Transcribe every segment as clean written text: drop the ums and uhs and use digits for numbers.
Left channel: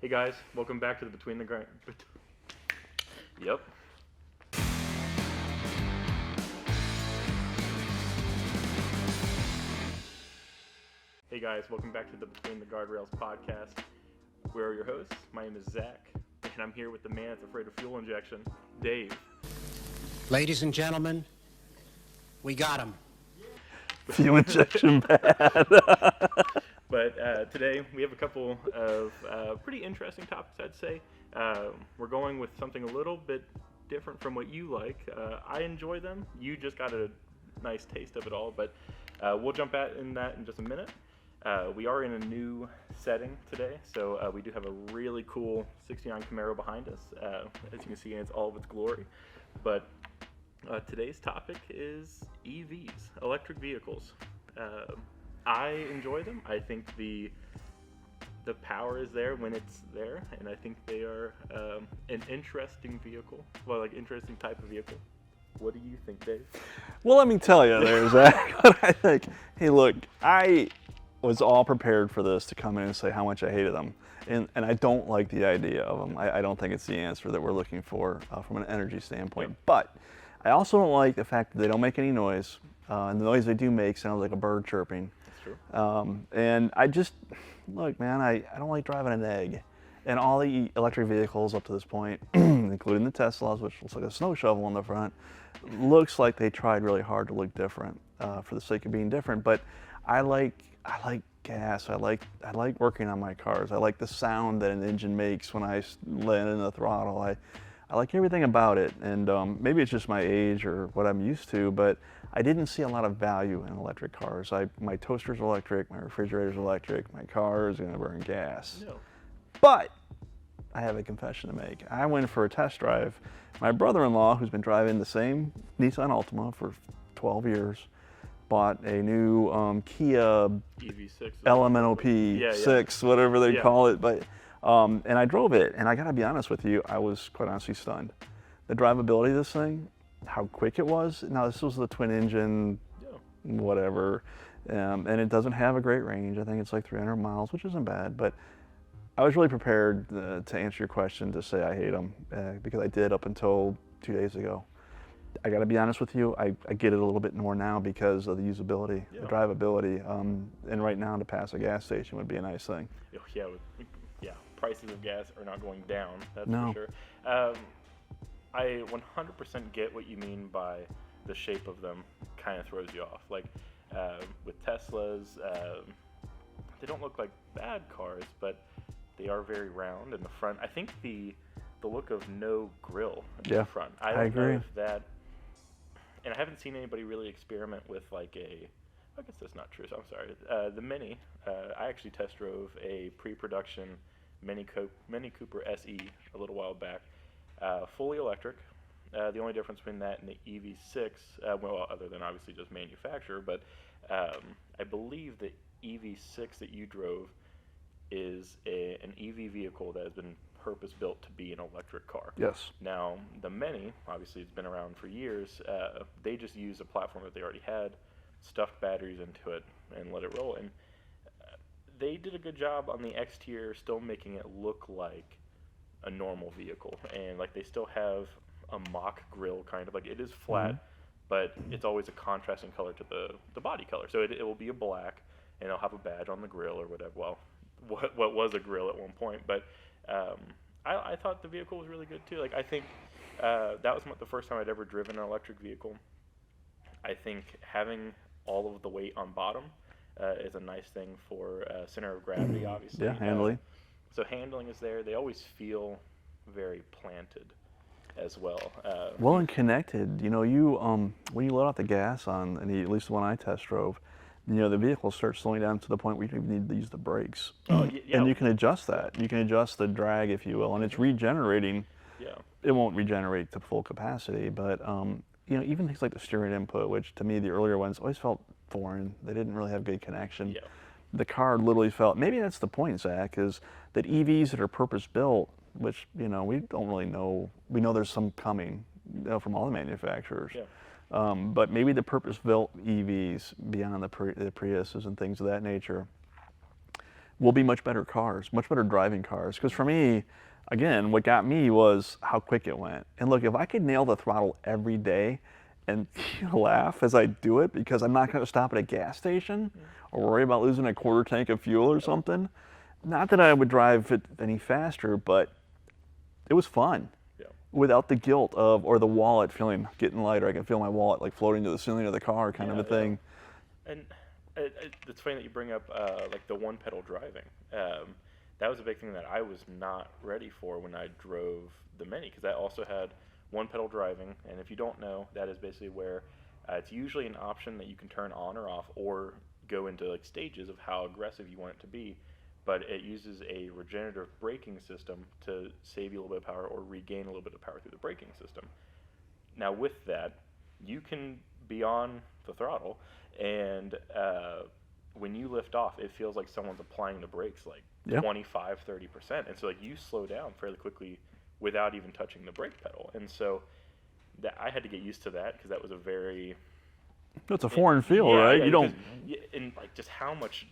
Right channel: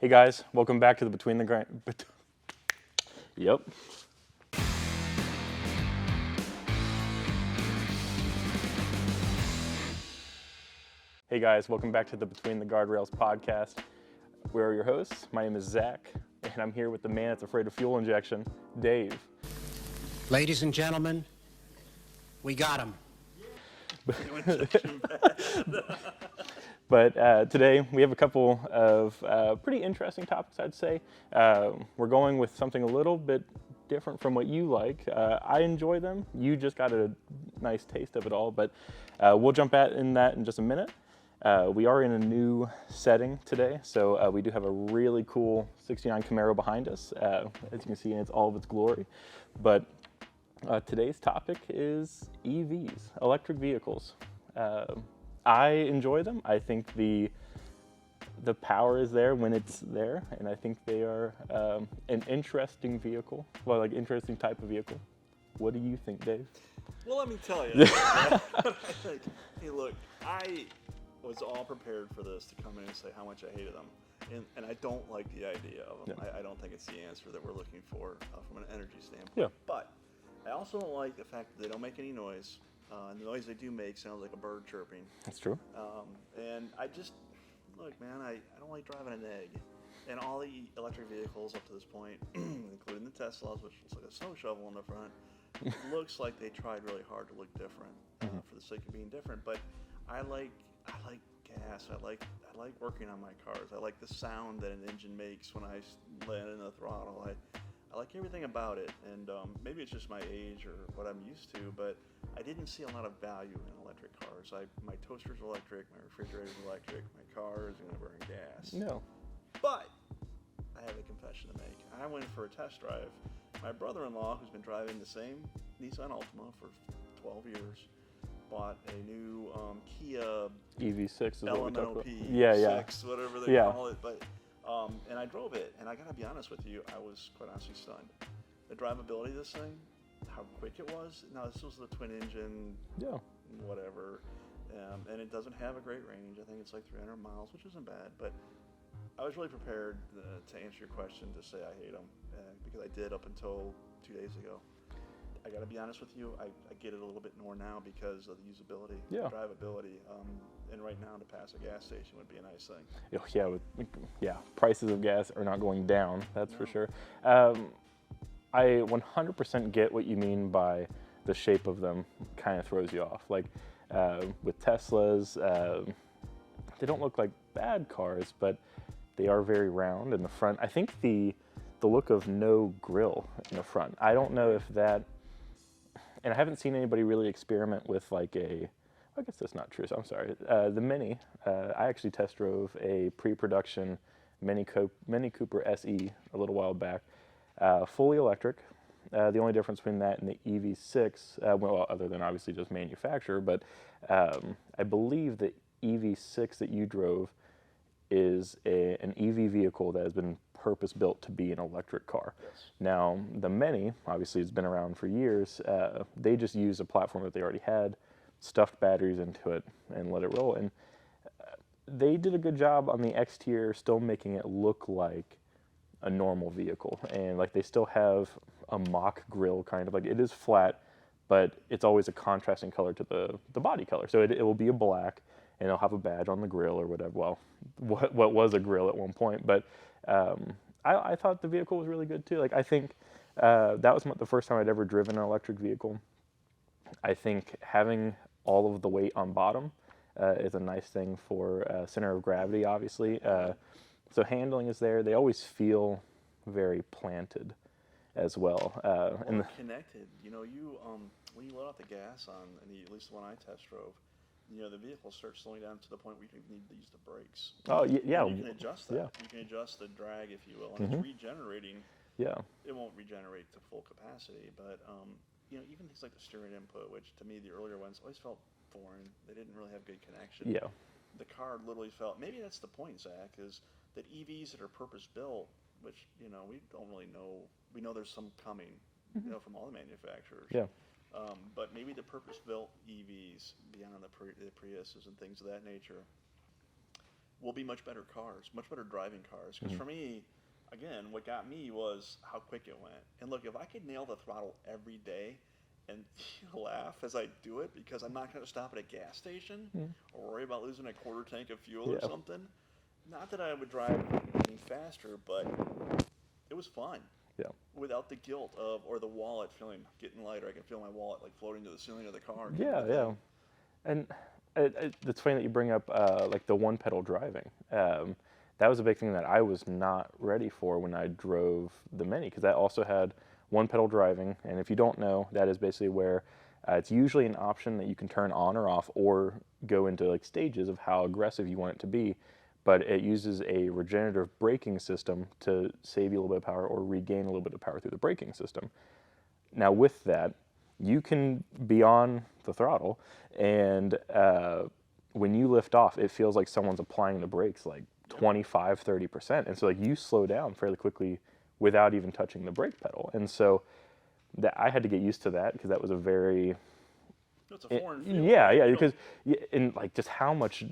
Hey guys, welcome back to the Between the Yep. Hey guys, welcome back to the Between the Guardrails podcast. We're your hosts. My name is Zach, and I'm here with the man that's afraid of fuel injection, Dave. Ladies and gentlemen, we got him. Fuel injection bad. But today we have a couple of pretty interesting topics, I'd say. We're going with something a little bit different from what you like. I enjoy them. You just got a nice taste of it all, but we'll jump in that in just a minute. We are in a new setting today, so we do have a really cool 69 Camaro behind us, as you can see in all of its glory. But today's topic is EVs, electric vehicles. I enjoy them. I think the power is there when it's there, and I think they are an interesting vehicle. Well, like interesting type of vehicle. What do you think, Dave? Well, let me tell you, Zach, what I think. Hey, look, I was all prepared for this to come in and say how much I hated them, and I don't like the idea of them. I don't think it's the answer that we're looking for from an energy standpoint. Yeah. But I also don't like the fact that they don't make any noise. And the noise they do make sounds like a bird chirping. That's true. And I just, look, man, I don't like driving an egg. And all the electric vehicles up to this point, including the Teslas, which looks like a snow shovel on the front, looks like they tried really hard to look different for the sake of being different. But I like gas. I like working on my cars. I like the sound that an engine makes when I land in the throttle. I like everything about it, and maybe it's just my age or what I'm used to, but I didn't see a lot of value in electric cars. My toaster's electric, my refrigerator's electric, my car is going to burn gas. No. But I have a confession to make. I went for a test drive. My brother-in-law, who's been driving the same Nissan Altima for 12 years, bought a new Kia EV6. LMNOP 6, whatever they Yeah. call it. But and I drove it, and I gotta be honest with you, I was quite honestly stunned. The drivability of this thing, how quick it was. Now this was the twin engine, whatever, and it doesn't have a great range. I think it's like 300 miles, which isn't bad. But I was really prepared to answer your question to say I hate them because I did up until 2 days ago. I got to be honest with you, I get it a little bit more now because of the usability, the drivability, and right now to pass a gas station would be a nice thing. Yeah, prices of gas are not going down, that's No. for sure. I 100% get what you mean by the shape of them kind of throws you off. Like with Teslas, they don't look like bad cars, but they are very round in the front. I think the look of no grille in the front. I don't know agree. if that, and I haven't seen anybody really experiment with like I guess that's not true, so I'm sorry. The Mini, I actually test drove a pre-production Mini Cooper SE a little while back, fully electric. The only difference between that and the EV6, well, other than obviously just manufacturer, but I believe the EV6 that you drove is an EV vehicle that has been purpose-built to be an electric car. Yes. Now, the Mini, obviously it's been around for years, they just used a platform that they already had, stuffed batteries into it, and let it roll. And they did a good job on the exterior, still making it look like a normal vehicle. And like they still have a mock grille, kind of like it is flat, but it's always a contrasting color to the body color. So it will be a black, and it'll have a badge on the grill or whatever. Well, what was a grill at one point, but I thought the vehicle was really good too. Like I think that was the first time I'd ever driven an electric vehicle. I think having all of the weight on bottom is a nice thing for center of gravity, obviously. Yeah, handling. So handling is there. They always feel very planted as well. Well, and connected. You know, when you let off the gas on, and at least the one I test drove, you know, the vehicle starts slowing down to the point where you don't even need to use the brakes. Oh, yeah. And you can adjust that. You can adjust the drag, if you will, and it's regenerating. Yeah. It won't regenerate to full capacity, but you know, even things like the steering input, which to me the earlier ones always felt foreign. They didn't really have good connection. Yeah. The car literally felt. Maybe that's the point, Zach, is that EVs that are purpose-built, which you know we don't really know. We know there's some coming, you know, from all the manufacturers. Yeah. But maybe the purpose-built EVs beyond the Priuses and things of that nature will be much better cars, much better driving cars. Because for me, again, what got me was how quick it went. And look, if I could nail the throttle every day and laugh as I do it, because I'm not going to stop at a gas station or worry about losing a quarter tank of fuel or something. Not that I would drive it any faster, but it was fun. Yeah. Without the guilt of, or the wallet getting lighter. I can feel my wallet like floating to the ceiling of the car kind of a thing. And it's funny that you bring up like the one pedal driving. That was a big thing that I was not ready for when I drove the Mini, because that also had one pedal driving. And if you don't know, that is basically where it's usually an option that you can turn on or off, or go into like stages of how aggressive you want it to be. But it uses a regenerative braking system to save you a little bit of power or regain a little bit of power through the braking system. Now with that, you can be on the throttle, and when you lift off, it feels like someone's applying the brakes like 25, 30%. And so like you slow down fairly quickly without even touching the brake pedal. And so that I had to get used to that, because that was a very... It's a foreign feel, right? Yeah, you don't... and like just how much...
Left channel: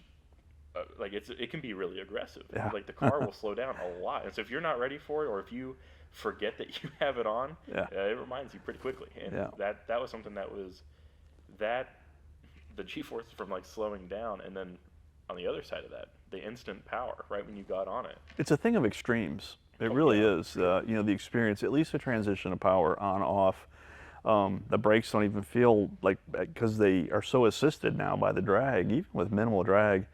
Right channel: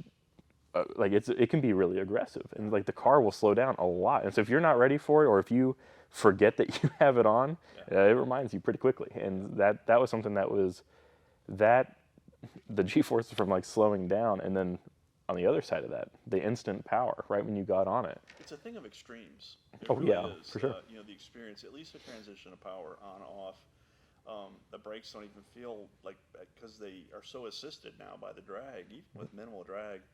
like it can be really aggressive. And like the car will slow down a lot. And so if you're not ready for it, or if you forget that you have it on, it reminds you pretty quickly. And that was something that was the G-forces from like slowing down, and then on the other side of that, the instant power right when you got on it. It's a thing of extremes. It really is. Sure. You know, the experience, at least the transition of power on off. The brakes don't even feel like, because they are so assisted now by the drag, even with minimal drag.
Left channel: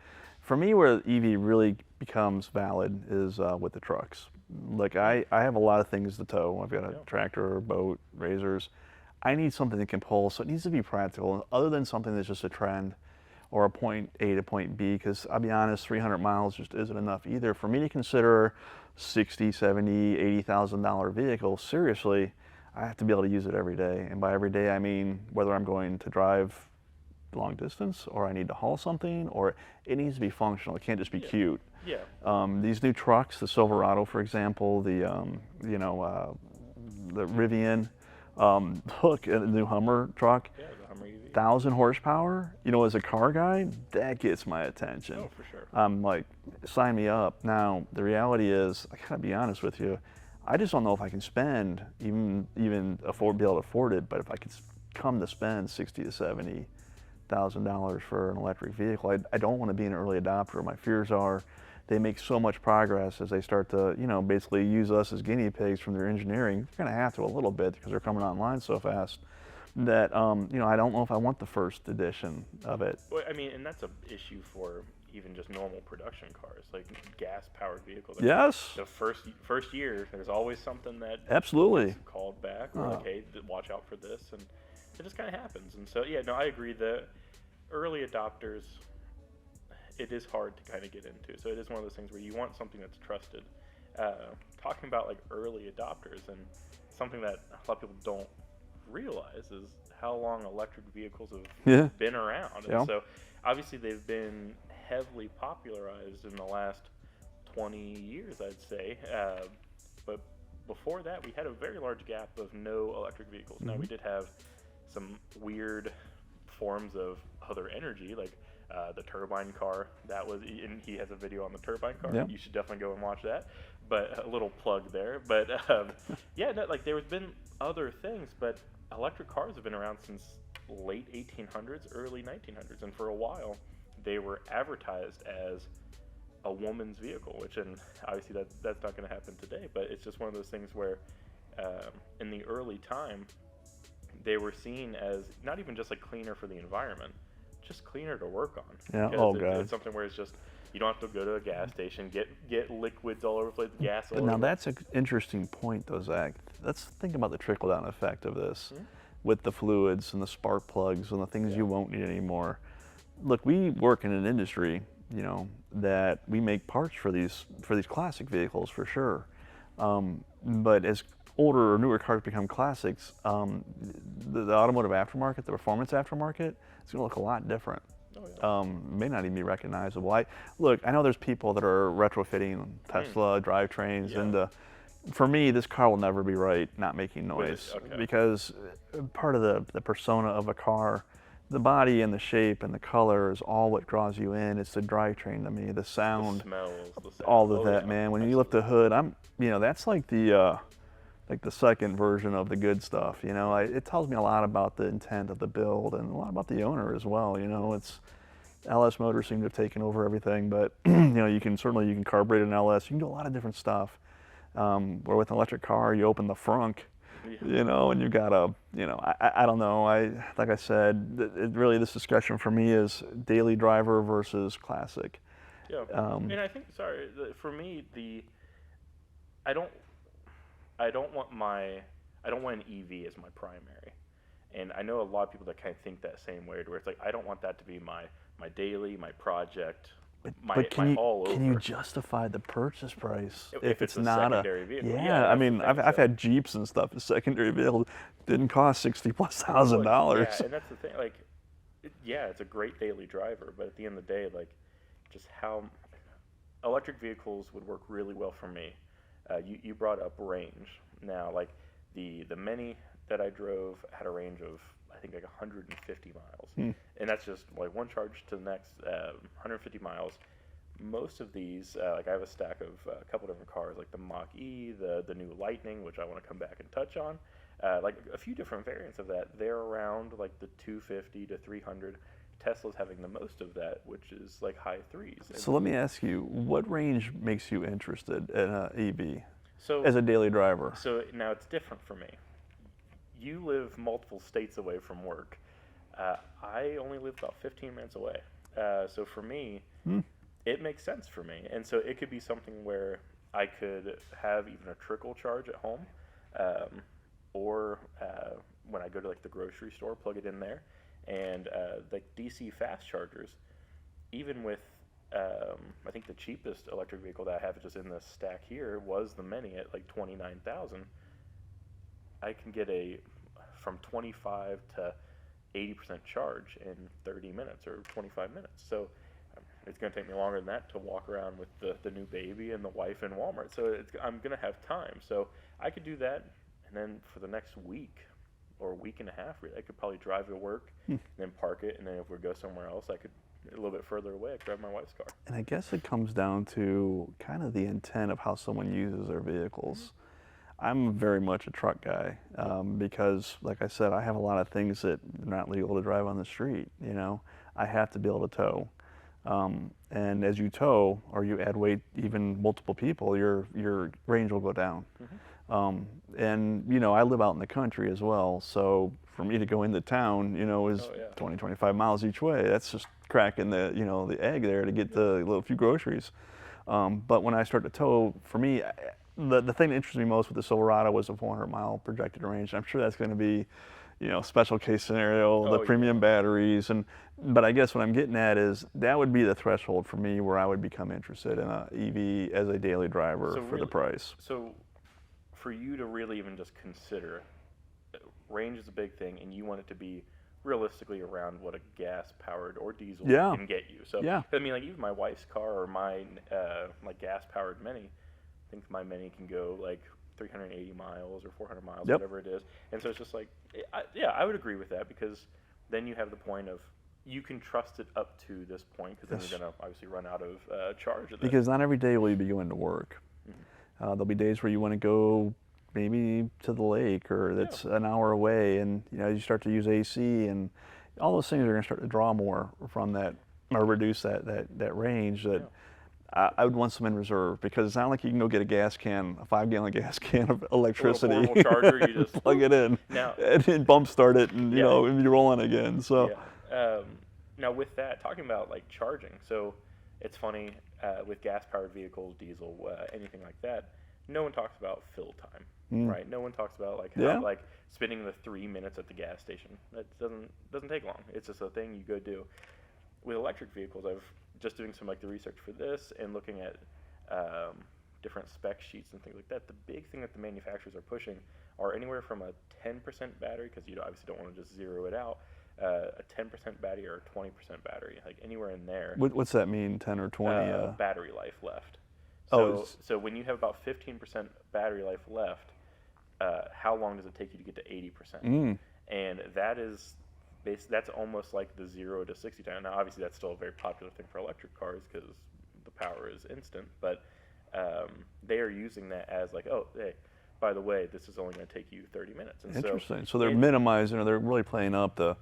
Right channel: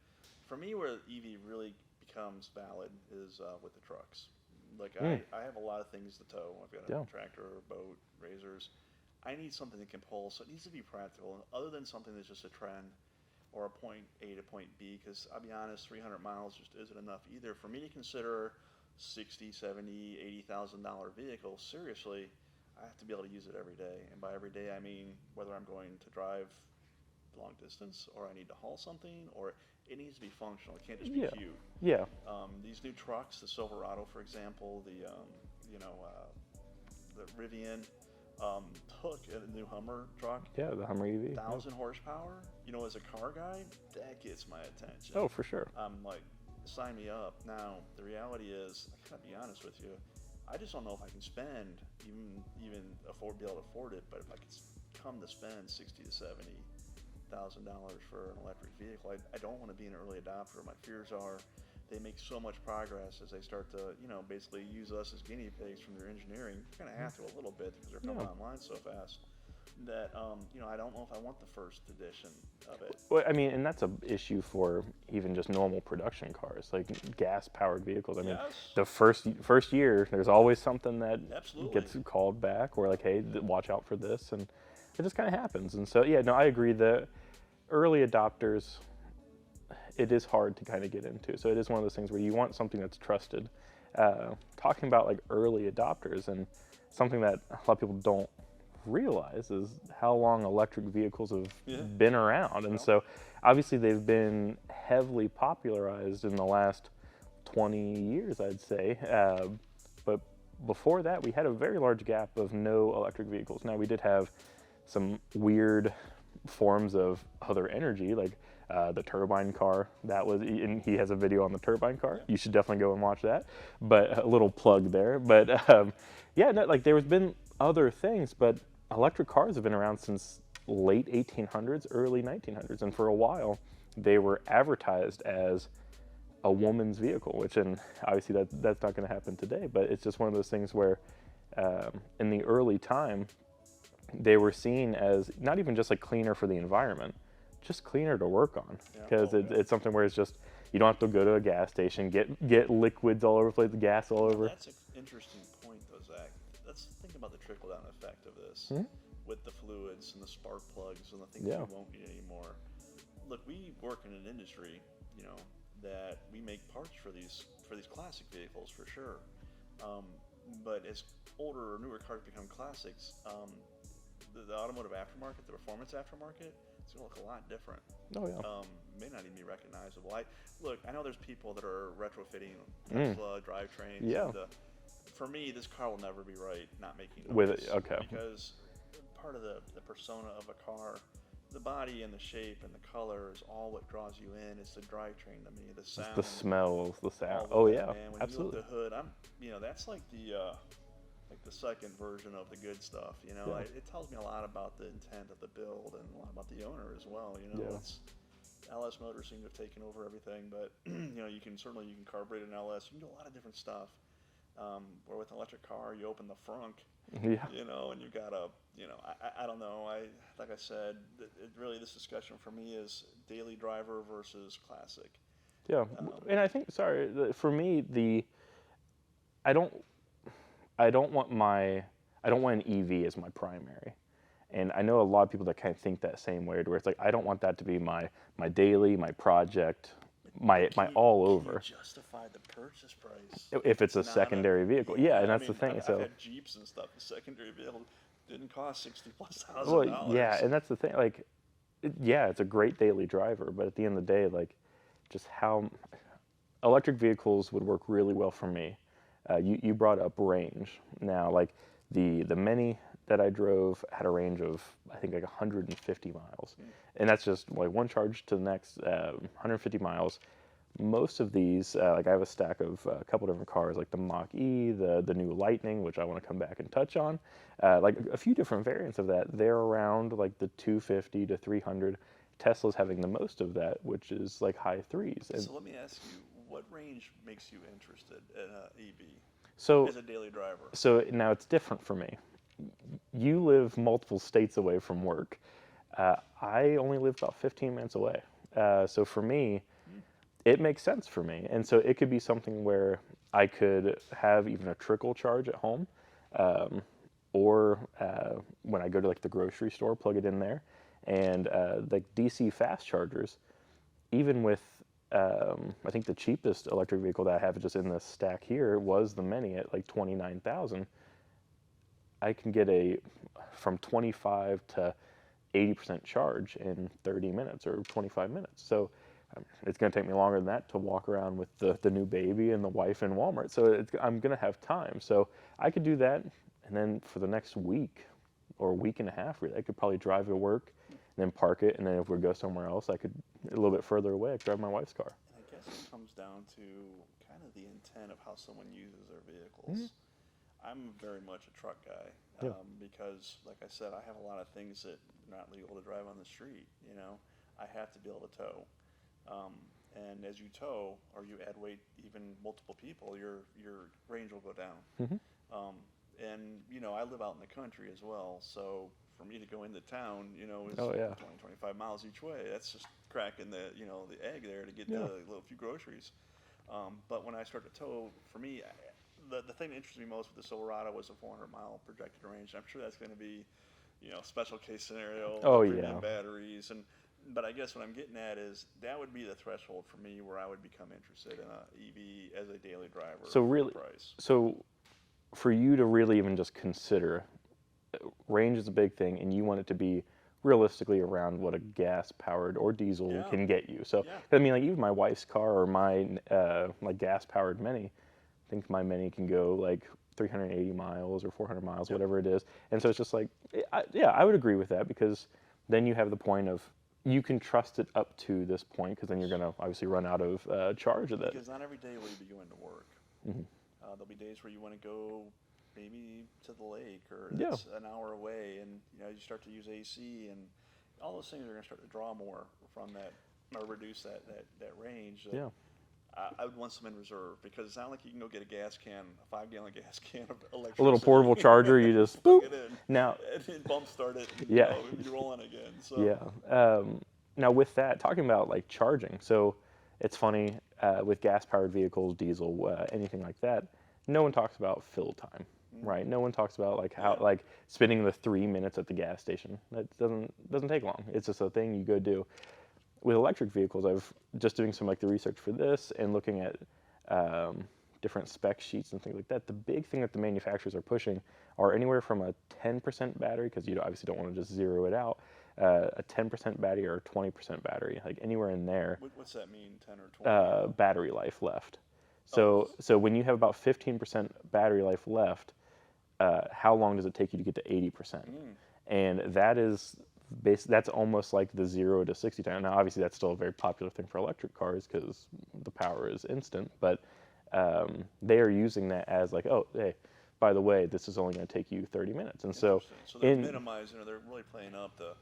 For me, where EV really becomes valid is with the trucks. Like I have a lot of things to tow. I've got a tractor, boat, razors. I need something that can pull, so it needs to be practical, other than something that's just a trend or a point A to point B, because I'll be honest, 300 miles just isn't enough either. For me to consider $60,000, $70,000, $80,000 vehicle, seriously, I have to be able to use it every day. And by every day, I mean whether I'm going to drive long distance, or I need to haul something, or it needs to be functional. It can't just be cute. Yeah. These new trucks, the Silverado, for example, the Rivian, look at the new Hummer truck. Yeah, the Hummer EV. 1,000 horsepower. You know, as a car guy, that gets my attention. Oh, for sure. I'm like, sign me up. Now, the reality is, I gotta be honest with you, I just don't know if I can spend, even be able to afford it, but if I could come to spend $60,000 to $70,000 for an electric vehicle, I don't want to be an early adopter. My fears are they make so much progress as they start to, you know, basically use us as guinea pigs from their engineering. They're going to have to a little bit because they're coming online so fast that, you know, I don't know if I want the first edition of it. Well, I mean, and that's an issue for even just normal production cars, like gas-powered vehicles. I mean, the first year, there's always something that gets called back. We're like, hey, watch out for this, and it just kind of happens. And so, yeah, no, I agree that early adopters, it is hard to kind of get into. So it is one of those things where you want something that's trusted. Talking about like early adopters, and something that a lot of people don't realize is how long electric vehicles have been around. And so obviously they've been heavily popularized in the last 20 years, I'd say. But before that, we had a very large gap of no electric vehicles. Now, we did have some weird forms of other energy, like the turbine car. That was, and he has a video on the turbine car. You should definitely go and watch that. But a little plug there. But yeah, no, like there's been other things, but electric cars have been around since late 1800s, early 1900s, and for a while they were advertised as a woman's vehicle, which, and obviously that's not going to happen today, but it's just one of those things where in the early time they were seen as not even just like cleaner for the environment, just cleaner to work on. Because it's something where it's just, you don't have to go to a gas station, get liquids all over the place, gas all over. Now that's an interesting point though, Zach. Let's think about the trickle-down effect of this with the fluids and the spark plugs and the things you won't need anymore. Look, we work in an industry, you know, that we make parts for these classic vehicles for sure. But as older or newer cars become classics, the automotive aftermarket, the performance aftermarket, it's going to look a lot different. May not even be recognizable. I know there's people that are retrofitting Tesla drivetrains, and for me, this car will never be right not making noise. Because part of the persona of a car, the body and the shape and the color is all what draws you in. It's the drivetrain to me, the The sound, smells, the sound. all of Oh, that, yeah, man. When you absolutely. lift the hood, that's like the second version of the good stuff. It tells me a lot about the intent of the build and a lot about the owner as well. Yeah. It's LS Motors seem to have taken over everything, but you can carburet an LS. You can do a lot of different stuff. Where with an electric car, you open the frunk, Yeah. and you got I don't know. Like I said, really this discussion for me is daily driver versus classic. Yeah. And I think, sorry, for me, I don't, I don't want I don't want an EV as my primary. And I know a lot of people that kind of think that same way, where it's like, I don't want that to be my daily, my project, my all over. Can you justify the purchase price If it's a not secondary vehicle? Yeah, Yeah, I that's the mean, thing, I've so- had Jeeps and stuff. A secondary vehicle didn't cost $60,000+. Well, yeah, and that's the thing. Like, yeah, it's a great daily driver, but at the end of the day, like, just how electric vehicles would work really well for me. You brought up range. Now, like the Mini that I drove had a range of, I think, like 150 miles, and that's just like one charge to the next, 150 miles. Most of these, like I have a stack of a couple different cars, like the Mach-E, the new Lightning, which I want to come back and touch on, like a few different variants of that. They're around like the 250 to 300. Tesla's having the most of that, which is like high threes. And So let me ask you, what range makes you interested in an EV so, as a daily driver? so now it's different for me. You live multiple states away from work. I only live about 15 minutes away. So for me, it makes sense for me. And so it could be something where I could have even a trickle charge at home, or when I go to like the grocery store, plug it in there. And like DC fast chargers, even with I think the cheapest electric vehicle that I have just in this stack here was the Mini at like 29,000. I can get from 25 to 80% charge in 30 minutes or 25 minutes. So it's going to take me longer than that to walk around with the new baby and the wife in Walmart. So I'm going to have time. So I could do that, and then for the next week or a week and a half, really, I could probably drive to work, and then park it, and then if we go somewhere else, I could, a little bit further away, I could drive my wife's car. And I guess it comes down to kind of the intent of how someone uses their vehicles. I'm very much a truck guy because, like I said, I have a lot of things that are not legal to drive on the street. I have to be able to tow. And as you tow or you add weight, even multiple people, your range will go down. And I live out in the country as well, so for me to go into town, is 20, 25 miles each way. That's just cracking the egg there to get the little few groceries. But when I start to tow, for me, the thing that interested me most with the Silverado was the 400-mile projected range. I'm sure that's going to be, special case scenario, the premium batteries, but I guess what I'm getting at is that would be the threshold for me where I would become interested in a EV as a daily driver for the price. So for you to really even just consider, range is a big thing, and you want it to be realistically around what a gas-powered or diesel can get you. So I mean, like even my wife's car or my like gas-powered Mini, I think my Mini can go like 380 miles or 400 miles, whatever it is. And so it's just like, I would agree with that, because then you have the point of, you can trust it up to this point, because then you're going to obviously run out of charge of it. Because not every day will you be going to work. There'll be days where you want to go maybe to the lake, or that's an hour away, and you start to use AC, and all those things are going to start to draw more from that, or reduce that range. I would want some in reserve, because it's not like you can go get a 5-gallon gas can of electricity. A little portable charger, you just plug it in, now, and then bump start it, and you're rolling again. So now with that, talking about like charging, so it's funny with gas-powered vehicles, diesel, anything like that. No one talks about fill time, right? No one talks about like how like spending the 3 minutes at the gas station. That doesn't take long. It's just a thing you go do. With electric vehicles, I've just doing some like the research for this and looking at different spec sheets and things like that. The big thing that the manufacturers are pushing are anywhere from a 10% battery, because you obviously don't want to just zero it out, a 10% battery or a 20% battery, like anywhere in there. What's that mean, 10 or 20? Battery life left. So when you have about 15% battery life left, how long does it take you to get to 80%? And that is that's almost like the 0 to 60 time. Now, obviously, that's still a very popular thing for electric cars because the power is instant. But they are using that as like, oh, hey, by the way, this is only going to take you 30 minutes. And Interesting. So they're minimizing, or they're really playing up the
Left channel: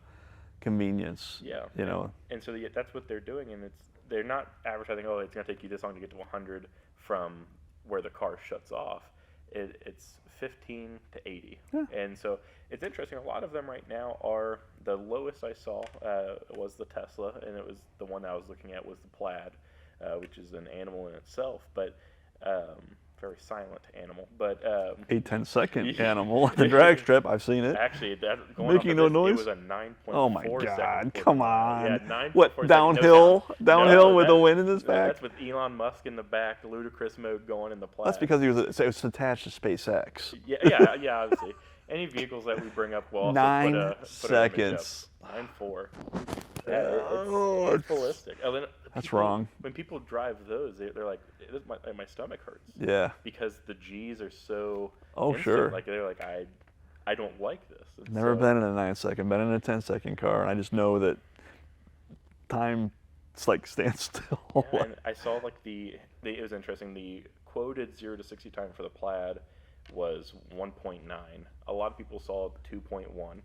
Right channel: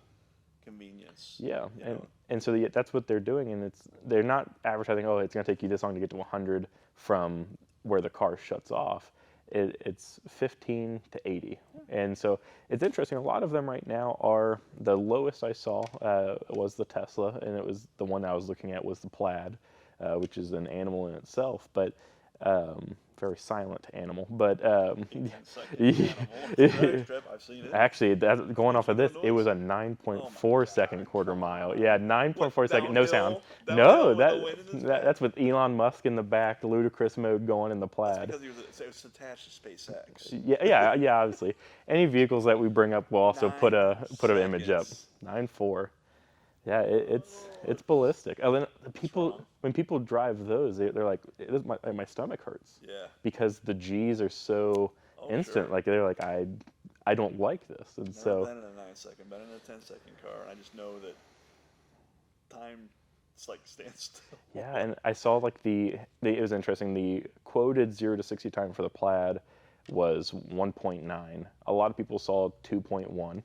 convenience. Yeah. You know. And so that's what they're doing, and they're not advertising, oh, it's going to take you this long to get to 100 from where the car shuts off. It's 15 to 80. Yeah. And so it's interesting. A lot of them right now are, the lowest I saw was the Tesla, and it was the one I was looking at was the Plaid, which is an animal in itself, but very silent animal. But 8-10 second animal. The drag strip, I've seen it. Actually, that going off of this, it was a 9.4 second quarter mile. Yeah, 9.4 seconds. Downhill, downhill with the wind in his back. That's with Elon Musk in the back, the ludicrous mode going in the Plaid. That's because it was attached to SpaceX. Yeah, obviously. Any vehicles that we bring up will also put an image up. 9.4. Yeah, it's ballistic. That's wrong. When people drive those, they're like, my stomach hurts. Yeah. Because the G's are so instant. Sure. Like they're like, I don't like this. And Never been in a 9 second, been in a 10-second car, and I just know that time, it's like stands still. Yeah, and I saw like it was interesting. The quoted 0 to 60 time for the Plaid was 1.9. A lot of people saw 2.1,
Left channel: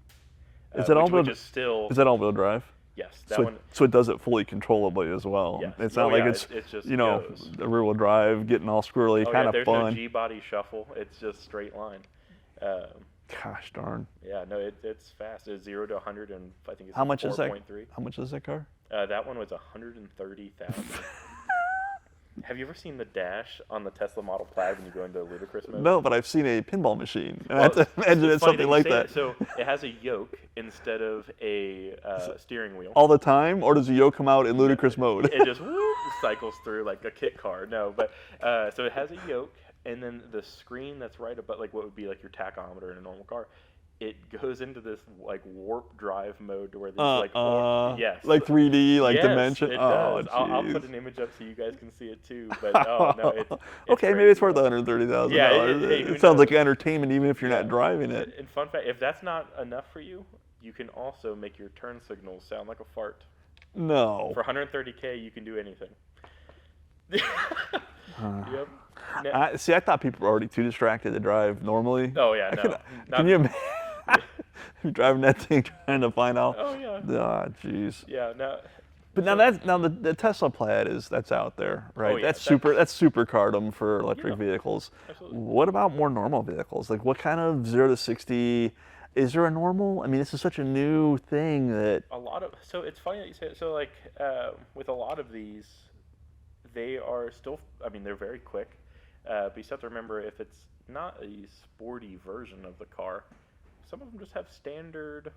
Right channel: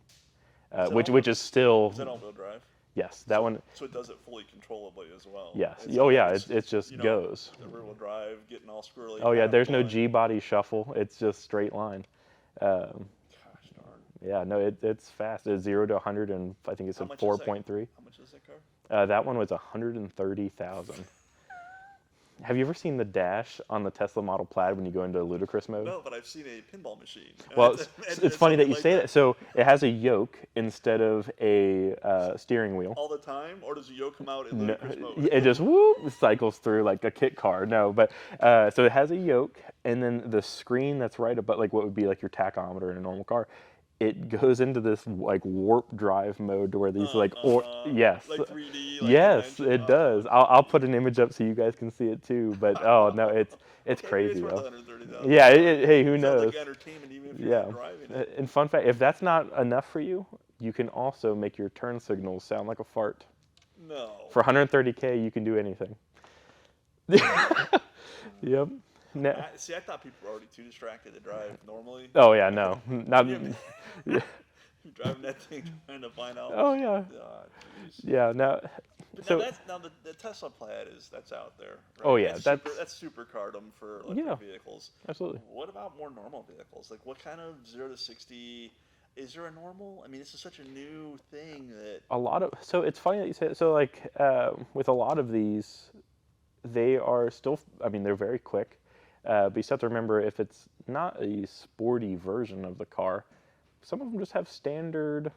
which is still. Is that all-wheel drive? Yes, So it does it fully controllably as well. Yes. It's not like it just goes. The rear-wheel drive, getting all squirrely. Oh yeah, there's no G-body shuffle. It's just straight line. Gosh darn. Yeah, no, it's fast. It's 0 to 100, and I think it's 4.3. How much is that car? That one was 130,000. Have you ever seen the dash on the Tesla Model Plaid when you go into ludicrous mode? No, but I've seen a pinball machine. Well, it's funny that you like say that. So it has a yoke instead of a steering wheel. All the time, or does the yoke come out in ludicrous mode? It just cycles through like a kit car. No, but so it has a yoke, and then the screen that's right above, like what would be like your tachometer in a normal car, it goes into this like warp drive mode to where these yes, like 3D, like yes, dimension. It does. I'll put an image up so you guys can see it too. But it's okay. Crazy, maybe it's worth 130,000. Yeah. Hey, who knows? It sounds like entertainment, even if you're not driving it. And fun fact: if that's not enough for you, you can also make your turn signals sound like a fart. No. For 130K, you can do anything. Yep. See, I thought people were already too distracted to drive normally. Oh yeah, no. Can you imagine? You're driving that thing trying to find out. Oh yeah. Ah, jeez. Yeah. But now the Tesla Plaid that's out there, right? Oh yeah. That's supercardom for electric vehicles. Absolutely. What about more normal vehicles? Like what kind of 0 to 60? Is there a normal? I mean, this is such a new thing that so it's funny that you say it. So like with a lot of these, they are still. I mean, they're very quick. But you still have to remember, if it's not a sporty version of the car, some of them just have standard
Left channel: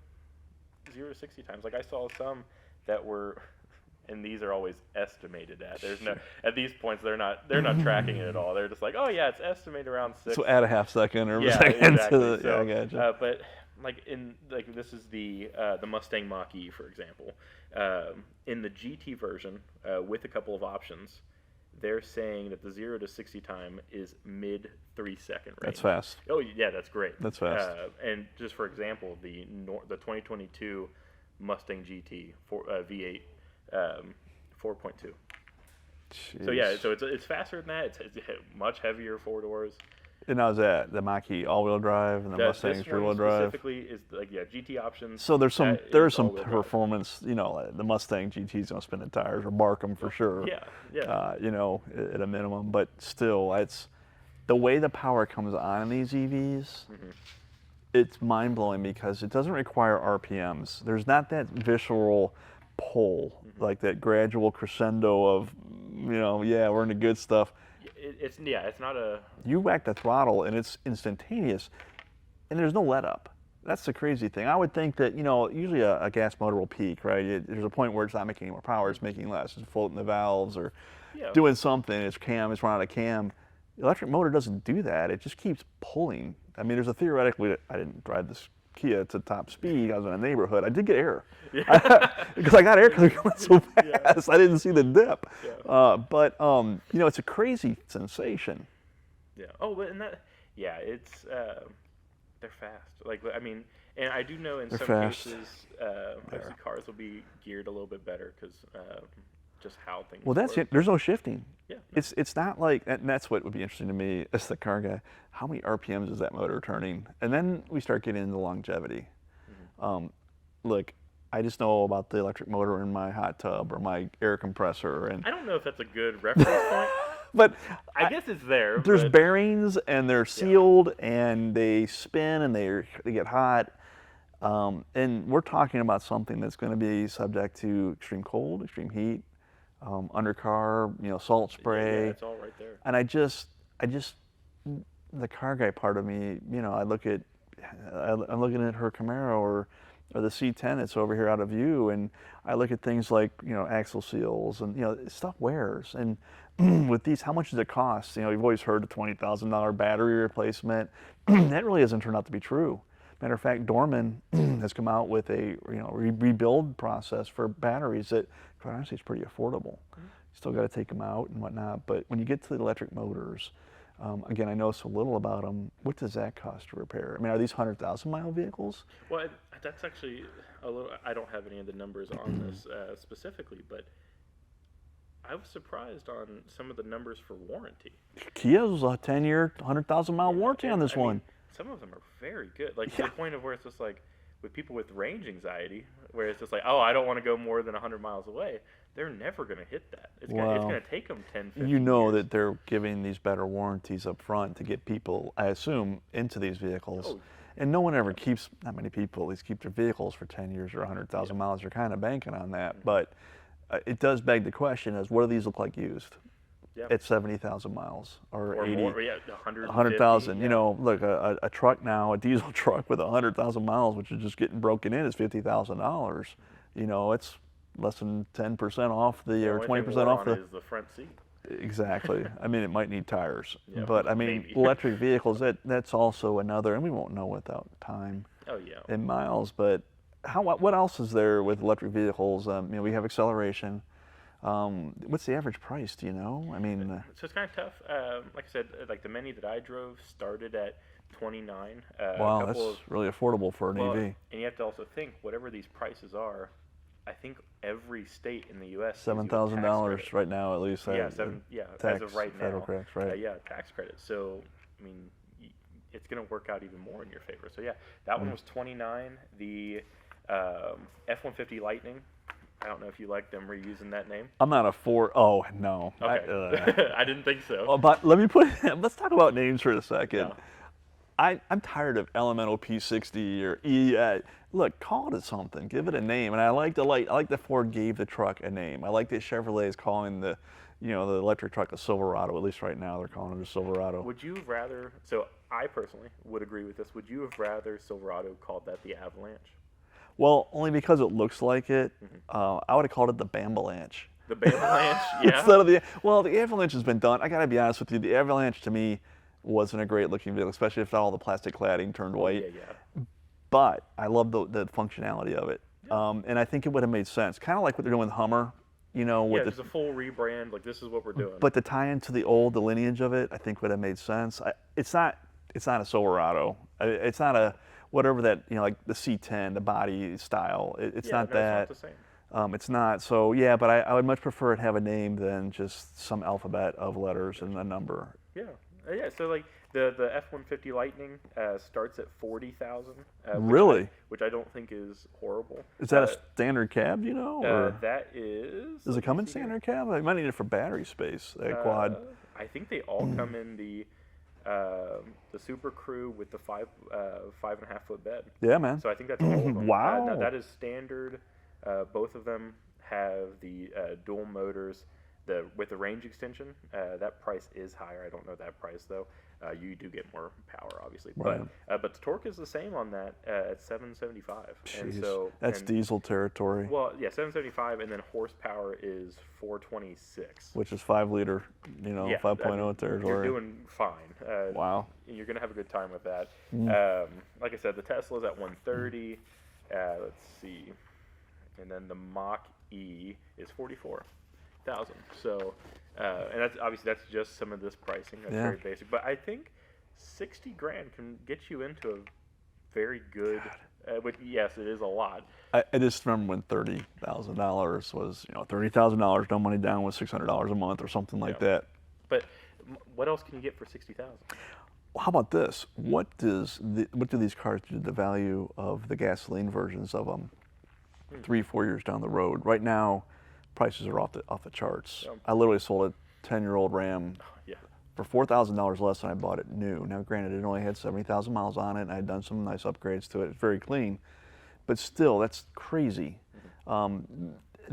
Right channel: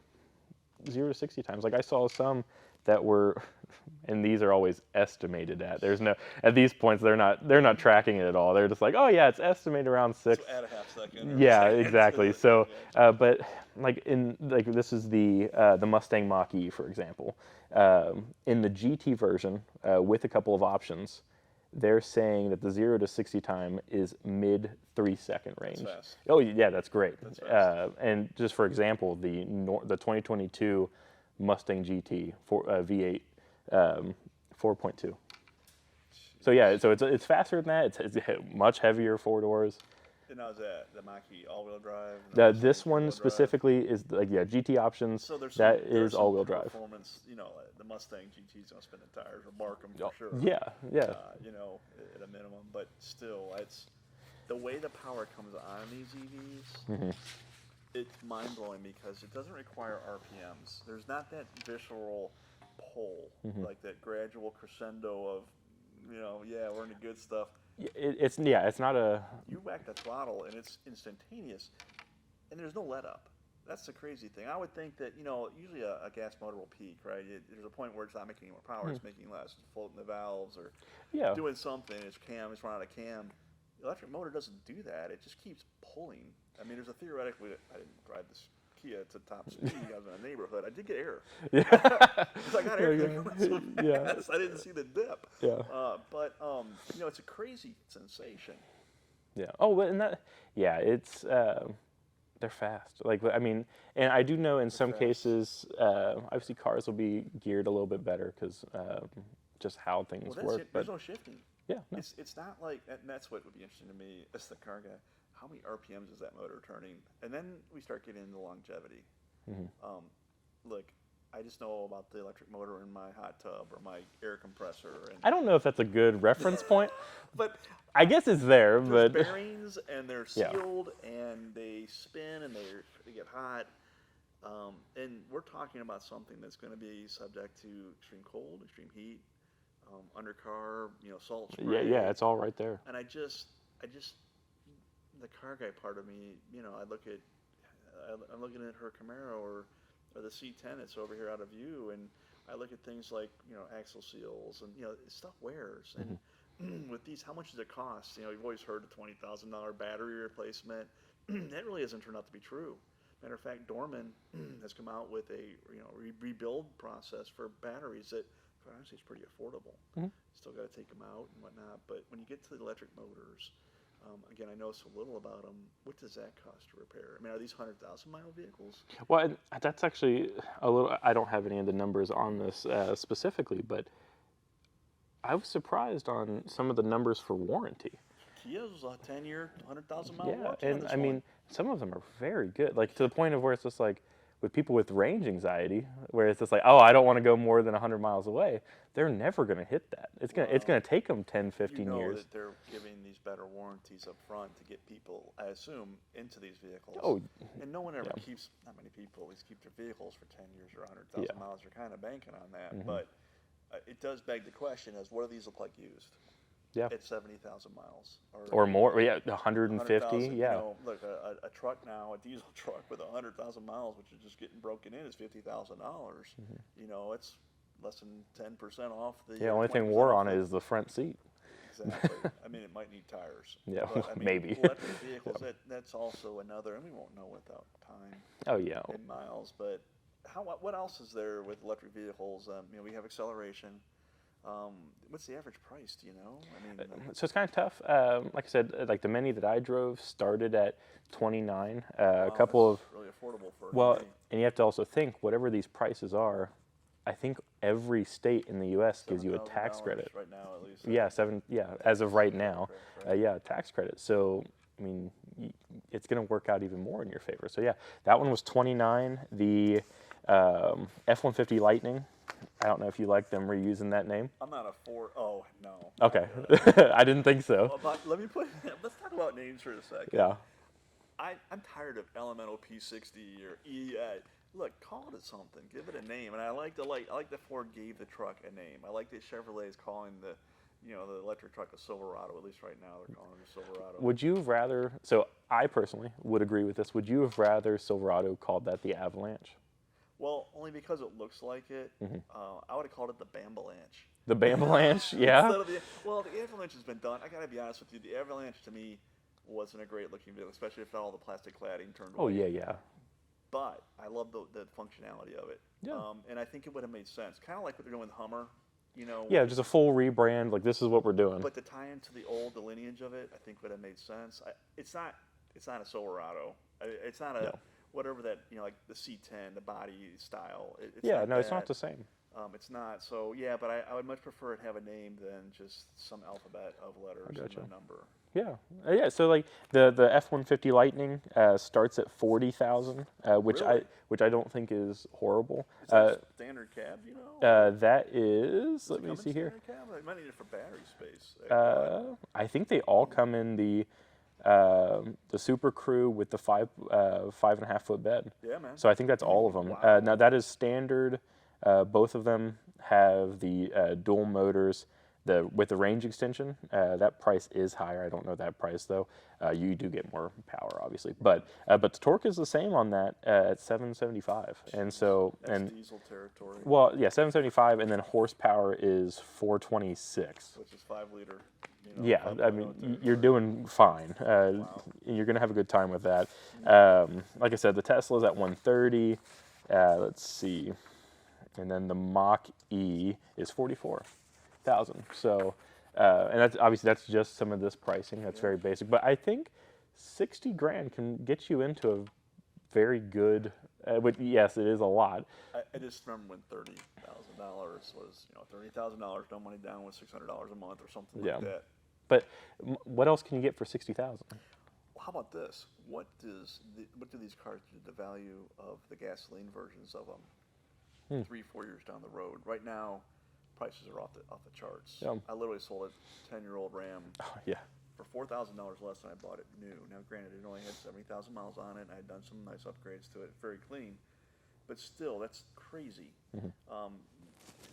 0 to 60 times. Like I saw some that were, and these are always estimated at. There's no, at these points they're not tracking it at all. They're just like, oh yeah, it's estimated around 6. So add a half second or yeah, a second. Exactly. So, but like this is the Mustang Mach-E, for example. In the GT version, with a couple of options, they're saying that the 0 to 60 time is mid 3 second range. That's fast. Oh yeah, that's great. That's fast. And just for example, the 2022 Mustang GT V8, 4.2. So yeah, so it's faster than that. It's much heavier 4 doors. And how's that? The Mach-E all-wheel drive and the Mustang's this one rear-wheel drive? specifically is GT options. So there's some performance. You know, the Mustang GT's gonna spin the tires or bark them for sure. Yeah. At a minimum. But still, it's the way the power comes on in these EVs. Mm-hmm. It's mind-blowing because it doesn't require RPMs. There's not that visceral pull, like that gradual crescendo of, we're into good stuff. It's not a. You whack the throttle and it's instantaneous, and there's no let up. That's the crazy thing. I would think that usually a gas motor will peak, right? There's a point where it's not making any more power; it's making less. It's floating the valves or doing something. It's run out of cam. The electric motor doesn't do that. It just keeps pulling. I mean, there's a theoretically. I didn't drive this Kia to top speed. I was in a neighborhood. I did get air because I got air because it went so fast. I didn't see the dip. But it's a crazy sensation. Yeah. Oh, and that. Yeah, it's. they're fast. Like, I mean, and I do know in some fast. cases, obviously cars will be geared a little bit better because just how things Well, that's work. it. There's no shifting. Yeah. It's not like, and that's what would be interesting to me as the car guy. How many RPMs is that motor turning? And then we start getting into longevity. Look, I just know about the electric motor in my hot tub or my air compressor, and I don't know if that's a good reference point. but I guess it's there. there's but bearings and they're sealed and they spin and they get hot. And we're talking about something that's going to be subject to extreme cold, extreme heat, undercar, salt spray. Yeah, it's all right there. And I just, the car guy part of me, I'm looking at her Camaro or the C10 that's over here out of view, and I look at things like, axle seals and, stuff wears. And with these, how much does it cost? You've always heard the $20,000 battery replacement. That really hasn't turned out to be true. Matter of fact, Dorman has come out with a rebuild process for batteries that, quite honestly, is pretty affordable. Still got to take them out and whatnot, but when you get to the electric motors, again, I know so little about them. What does that cost to repair? I mean, are these 100,000-mile vehicles? Well, that's actually a little. I don't have any of the numbers on this specifically, but I was surprised on some of the numbers for warranty. Kia's a 10-year, 100,000-mile warranty on this I one. mean, some of them are very good, like to the point of where it's just like with people with range anxiety, where it's just like, oh, I don't want to go more than 100 miles away. They're never going to hit that. It's going to take them 10, 15 years. That they're giving these better warranties up front to get people, I assume, into these vehicles. Oh, and no one ever keeps, not many people at least keep their vehicles for 10 years or 100,000 miles. They're kind of banking on that. But it does beg the question is, what do these look like used? At 70,000 miles or 80, more, 100,000. Look, a truck now, a diesel truck with 100,000 miles, which is just getting broken in, is $50,000. It's less than 10% off the, or 20% off is the front seat. Exactly. I mean, it might need tires, but I mean, maybe. Electric vehicles, that's also another, and we won't know without time. Oh yeah. In miles, but what else is there with electric vehicles? We have acceleration. What's the average price? Do you know? I mean, so it's kind of tough. Like I said, like the Mini that I drove started at 29. wow, a couple that's really affordable for an well, EV. and you have to also think whatever these prices are. I think every state in the U.S. $7,000 right now, at least. Yeah, as of right now. Tax, right? Tax credit. So I mean, it's going to work out even more in your favor. So yeah, that one was 29. The F-150 Lightning. I don't know if you like them reusing that name. I'm not a Oh no. Okay. I didn't think so. But let's talk about names for a second. Yeah. I'm tired of Elemental P60 or E. Look, call it something. Give it a name. And I like that Ford gave the truck a name. I like that Chevrolet is calling the electric truck a Silverado. At least right now they're calling it a Silverado. Would you have rather? So I personally would agree with this. Would you have rather Silverado called that the Avalanche? Well, only because it looks like it. I would have called it the Bambalanche. The Bambalanche, yeah. Instead of the Avalanche has been done. I gotta be honest with you. The Avalanche to me wasn't a great looking vehicle, especially if all the plastic cladding turned white. Yeah. But I love the functionality of it, and I think it would have made sense. Kind of like what they're doing with Hummer, with just a full rebrand. Like this is what we're doing. But to tie into the lineage of it, I think would have made sense. It's not a Silverado. It's not a whatever that like the C10, the body style. It's not that. It's not the same. It's not. So yeah, but I would much prefer it have a name than just some alphabet of letters and a number. Yeah. So like the F-150 Lightning starts at 40,000. Really? Which I don't think is horrible. Is that a standard cab? That is. Does it come in standard cab? I might need it for battery space. Quad. I think they all come in the Super Crew with the 5.5 foot bed. Yeah, man. So I think that's all of them. Wow. Now that is standard. Both of them have the dual motors. With the range extension, that price is higher. I don't know that price though. You do get more power, obviously, right. but the torque is the same on that at 775. Jeez, and so that's diesel territory. Well, yeah, 775, and then horsepower is 426, which is 5 liter, 5.0 territory. You're doing fine. Wow, you're gonna have a good time with that. Like I said, the Tesla's at 130. Let's see, and then the Mach E is 44,000. So, and that's just some of this pricing. That's very basic. But I think 60 grand can get you into a very good. But yes, it is a lot. I just remember when $30,000 was, $30,000, no money down was $600 a month or something like that. But what else can you get for 60,000? How about this? What do these cars do to the value of the gasoline versions of them 3-4 years down the road? Right now, prices are off the charts. Yeah. I literally sold a 10-year-old Ram Yeah. for $4,000 less than I bought it new. Now, granted, it only had 70,000 miles on it, and I had done some nice upgrades to it. It's very clean, but still, that's crazy.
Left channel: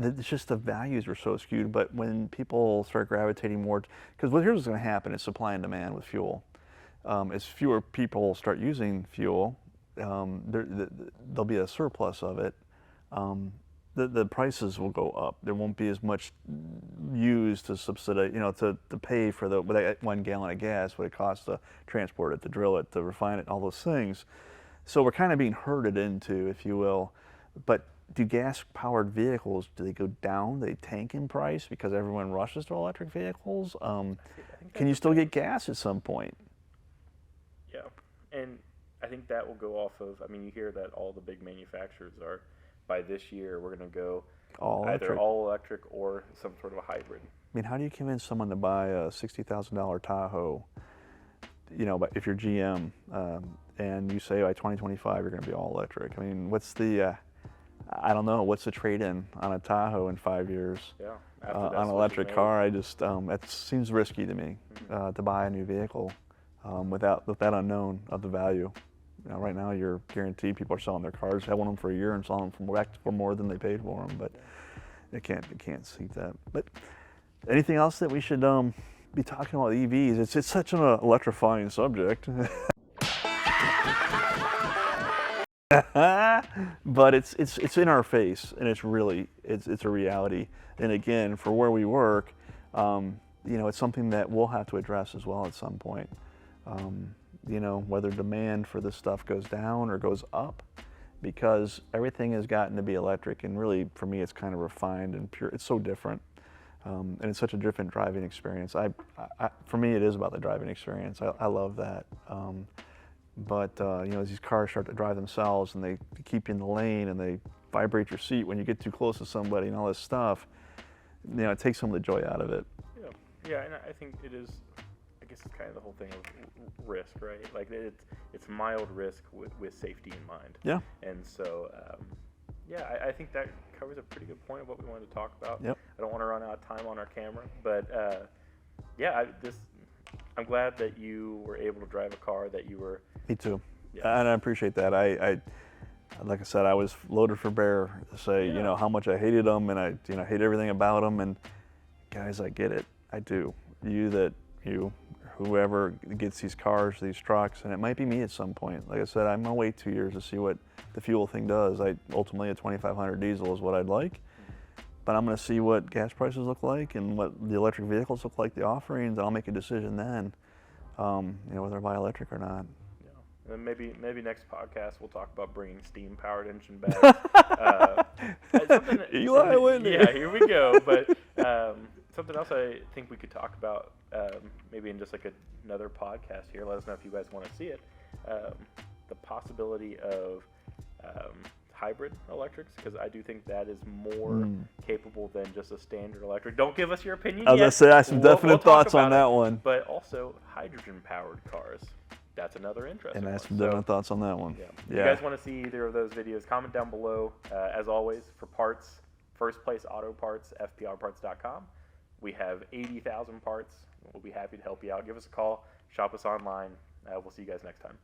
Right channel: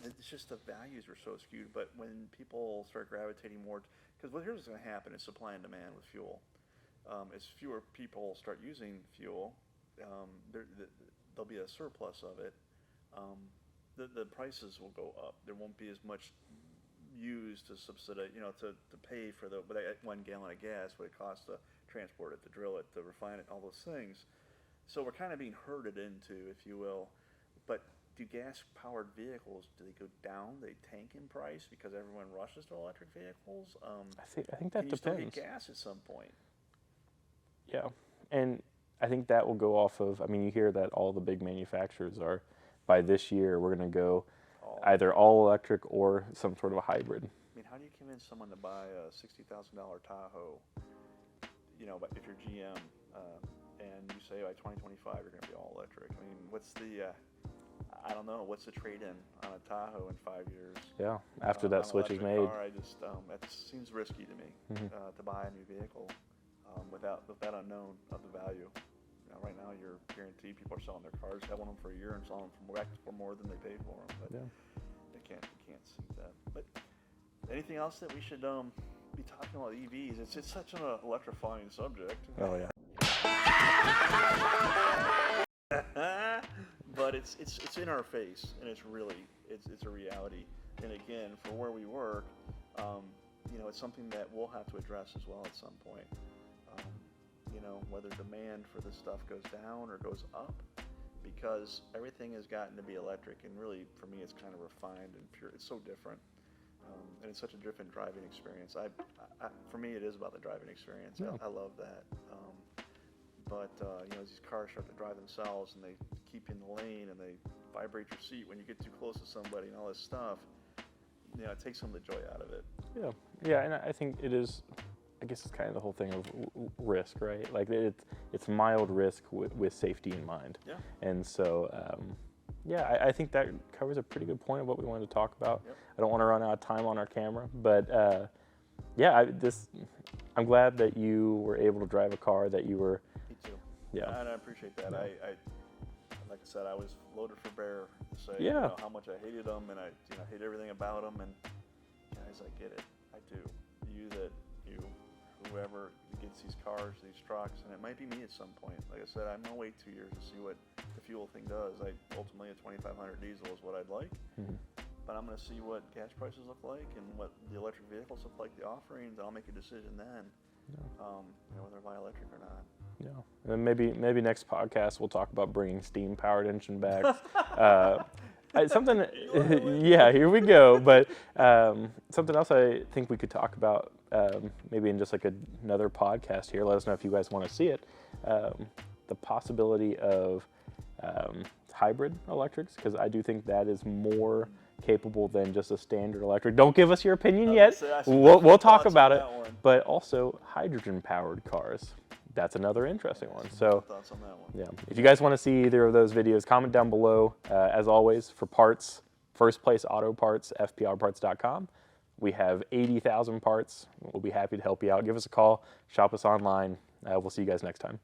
It's just the values were so skewed. But when people start gravitating more, because here's what's going to happen: it's supply and demand with fuel. As fewer people start using fuel, there'll be a surplus of it. The prices will go up. There won't be as much used to subsidize, to pay for that 1 gallon of gas, what it costs to transport it, to drill it, to refine it, all those things. So we're kind of being herded into, if you will. But do gas-powered vehicles, do they go down? They tank in price because everyone rushes to electric vehicles? I think Can you still get gas at some point? Yeah, and I think that will go off of, you hear that all the big manufacturers are, by this year, we're going to go either all electric or some sort of a hybrid. How do you convince someone to buy a $60,000 Tahoe, but if you're GM, and you say by 2025 you're going to be all electric? What's the, I don't know, what's the trade-in on a Tahoe in 5 years? Yeah, after that on an electric car, that seems risky to me, to buy a new vehicle with that unknown of the value. Right now, you're guaranteed people are selling their cars, having them for a year and selling them for more than they paid for them. But it can't see that. But anything else that we should be talking about EVs? It's such an electrifying subject. But it's in our face, and it's a reality. And again, for where we work, it's something that we'll have to address as well at some point. Whether demand for this stuff goes down or goes up, because everything has gotten to be electric, and really, for me, it's kind of refined and pure. It's so different, and it's such a different driving experience. For me, it is about the driving experience. I love that. But as these cars start to drive themselves, and they keep you in the lane, and they vibrate your seat when you get too close to somebody, and all this stuff, it takes some of the joy out of it. Yeah, and I think it is. I guess it's kind of the whole thing of risk, right? Like it's mild risk with safety in mind. Yeah. And so, I think that covers a pretty good point of what we wanted to talk about. Yep. I don't want to run out of time on our camera, but I'm glad that you were able to drive a car that you were. Me too. Yeah. And I appreciate that. I like I said, I was loaded for bear to say, how much I hated them, and I hate everything about them. And guys, I get it. I do. Whoever gets these cars, these trucks, and it might be me at some point. Like I said, I'm gonna wait 2 years to see what the fuel thing does. Ultimately, a 2500 diesel is what I'd like, but I'm gonna see what gas prices look like and what the electric vehicles look like, the offerings, and I'll make a decision then, whether I buy electric or not. Yeah, and maybe next podcast we'll talk about bringing steam-powered engine bags. Something. Yeah, here we go. But something else I think we could talk about, maybe in just like another podcast here. Let us know if you guys want to see it. The possibility of hybrid electrics, because I do think that is more capable than just a standard electric. Don't give us your opinion yet. I was gonna say, I have some definite thoughts on that one. But also hydrogen-powered cars. That's another interesting one. And I have some definite thoughts on that one. Yeah. If you guys want to see either of those videos, comment down below. As always, for parts, First Place Auto Parts, fprparts.com. We have 80,000 parts. We'll be happy to help you out. Give us a call. Shop us online. We'll see you guys next time.